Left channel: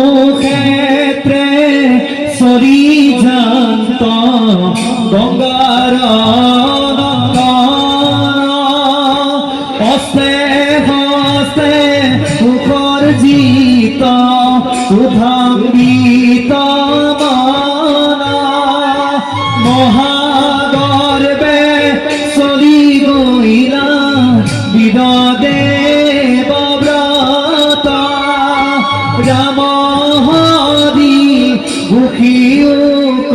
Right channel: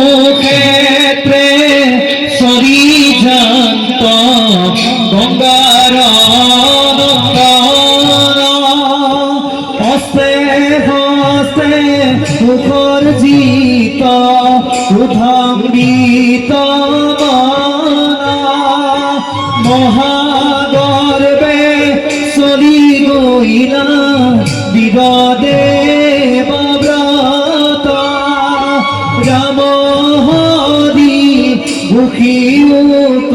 কুরুক্ষেত্রে সরিজান্ত গঙ্গার হস্তে হস্তে মুখর্জিত উধাম্বিত মহাগর্বে সরি গইলা বিদাদেব ব্রত রাম হরি মুখিউক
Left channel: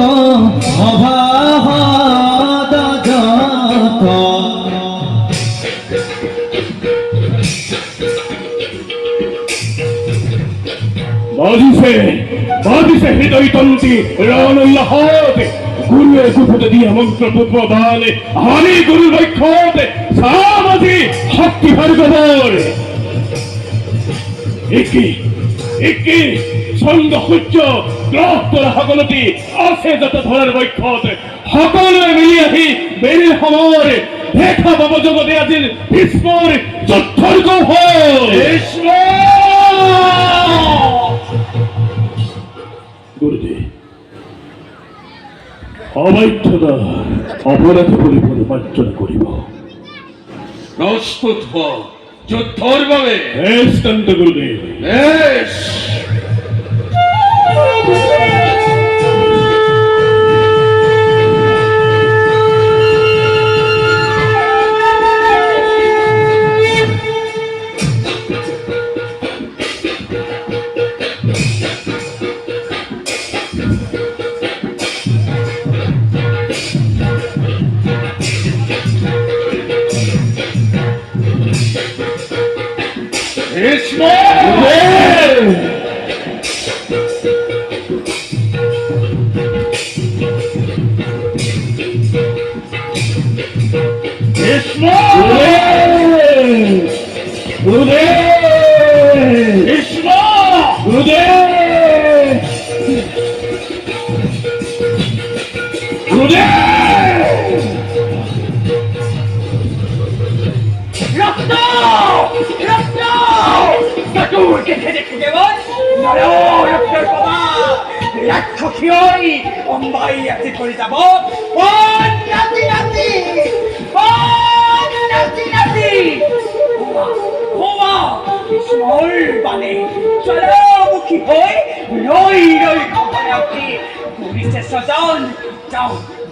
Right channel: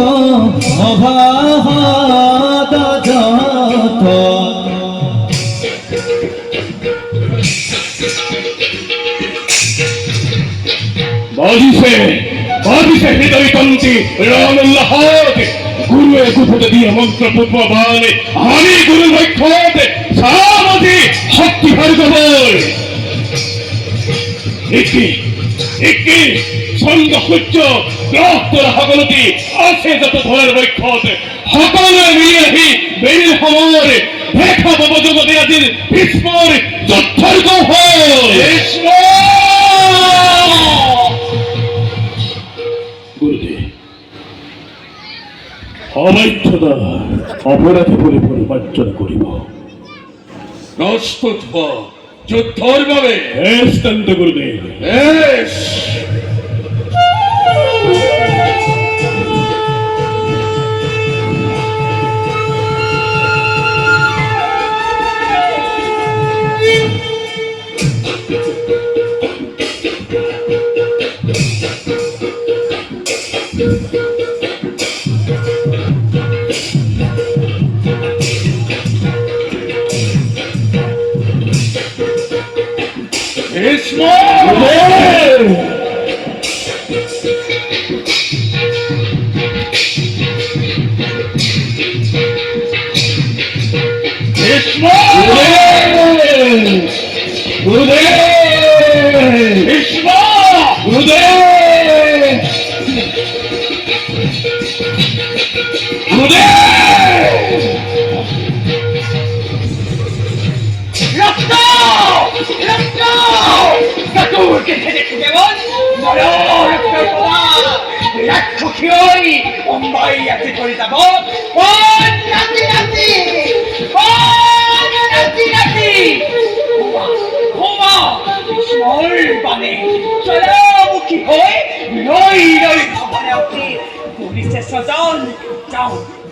অভাদ যত বাদিশে হৃদয় তন্তি রানুল্লাহত গুরুর কুপুত দিয়ে মন্ত্র পুষ্পবাণে আমি গুরু বৈক্ষত সামতি শক্তি ভরগবর একটি সঙ্গ সূর্য গ্রহতরা সকলতি আছে যত ধর বৈক্ষত সকলে মিলি আহি বেৰি সমর দেখা পাব জগতে আজিৰ ভীষ্মৰ যুদ্ধৰ কৌশল অবৈধতা অপরাধ করে পরিমার্জন করিব প্রস্তুত হ যুদ্ধর ভাবে এস্তান্ত গুরুদেব বেশ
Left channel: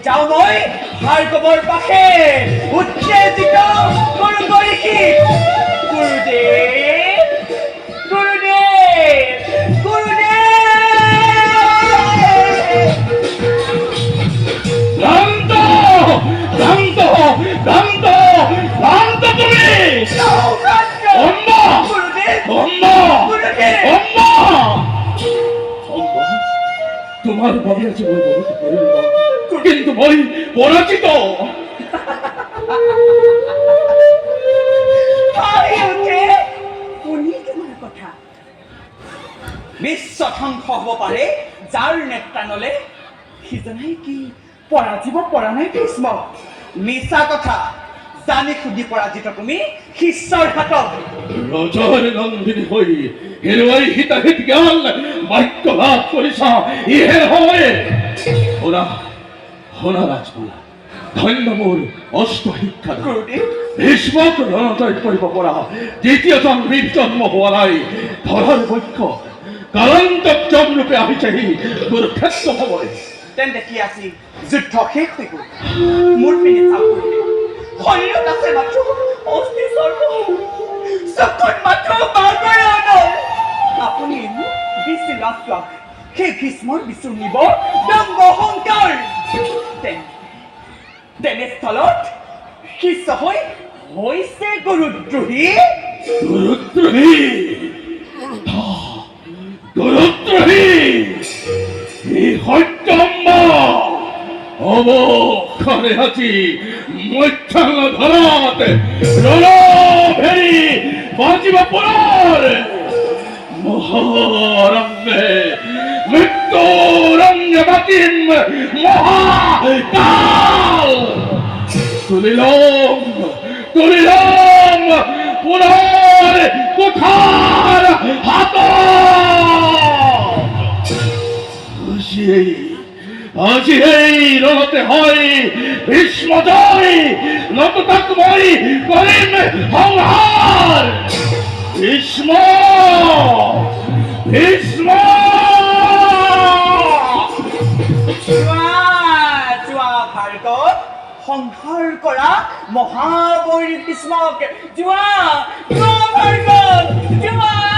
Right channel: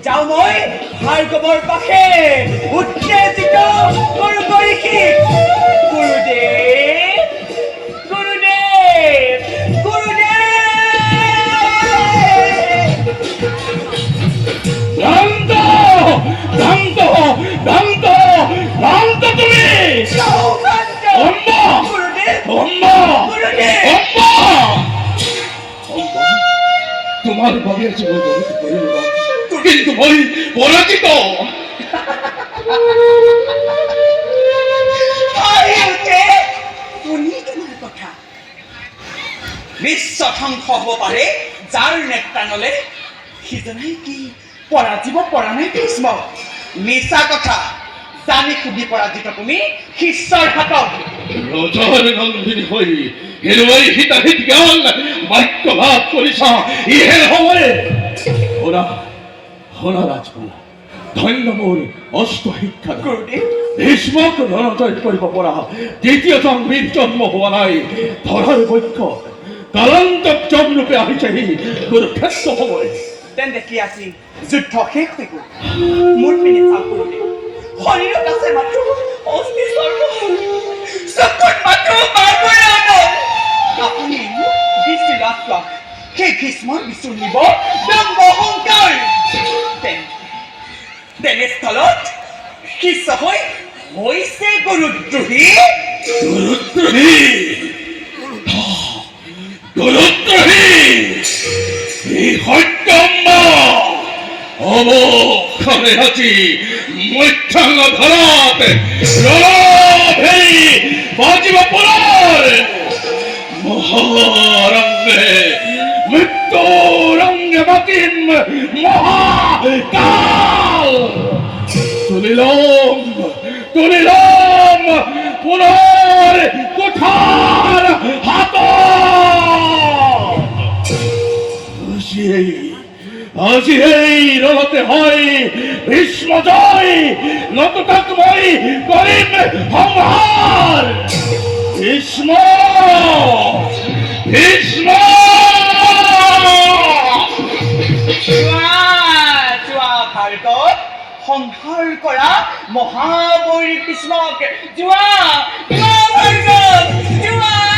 যাও মই ভাৰ্গৱৰ পাশে উত্তেজিত গুৰুদেৱ তোমার ভাবি আছে কিন্তু মই পরাজিত কথা বিশ্ব ধ্বংস হব পাৰে যাৰ নেত্ৰাঙলে সিজনাই কি পৰাজিব পৰা নাই ভীষ্ম মিছা কথা জানি খুদি পৰাজিত তুমি শিষ্যৰ হাতত ৰজাৰ নন্দিনী হৈ হেৰুৱাই হিতাহিত জ্ঞান বাক্য লাভ কৰিছা ইহে সময়ে শুনা ৰাজকুমাৰ ধন্য মোৰ অষ্ট শিক্ষা ভীষ্মক ৰণজয় কৰিব পৰা দ্বিতীয়জন বীৰ জন্ম হোৱা নাই ধৰাৰ পক্ষ কালান্তক জমৰূপে আহিছেহি দুৰ্ক্ষেত্ৰ সময় তেন্তে কি আছিল যুদ্ধ শেষ হৈ গ'ল মোৰ পিনে চাওক শৰীৰত আছে মাত্ৰ অস্থি স্বৰ্গ চকুত মাত্ৰ আপুনি দৃষ্টি লাভ কৰক সেই ভীষ্মৰ বিচুৰ নিব দম্ভ অহংকাৰ তেনেস্থলত শিষ্য হৈ হৈছে গুৰুদ্ৰোহী এই সত্যম্য অৱখানে আজি মধ্যাংগ ধৰাত ৰভেৰি বাজিব পৰাৰ মহাৰণ্যে মৃত্যুৰণ্য বাকিম মহাকাল তুলিলাম তুলিলাম পুনর কুঠার হাত আজি এই রণতে হয় ভীষ্ম জয় লোকটাকময় করিম সংহার ভীষ্ম ভীষ্ম যোৱা ভাৰতত সংহাৰ কৰা মহাবলী ভীষ্মক যোৱা যোৱা ভাৰতত যোৱা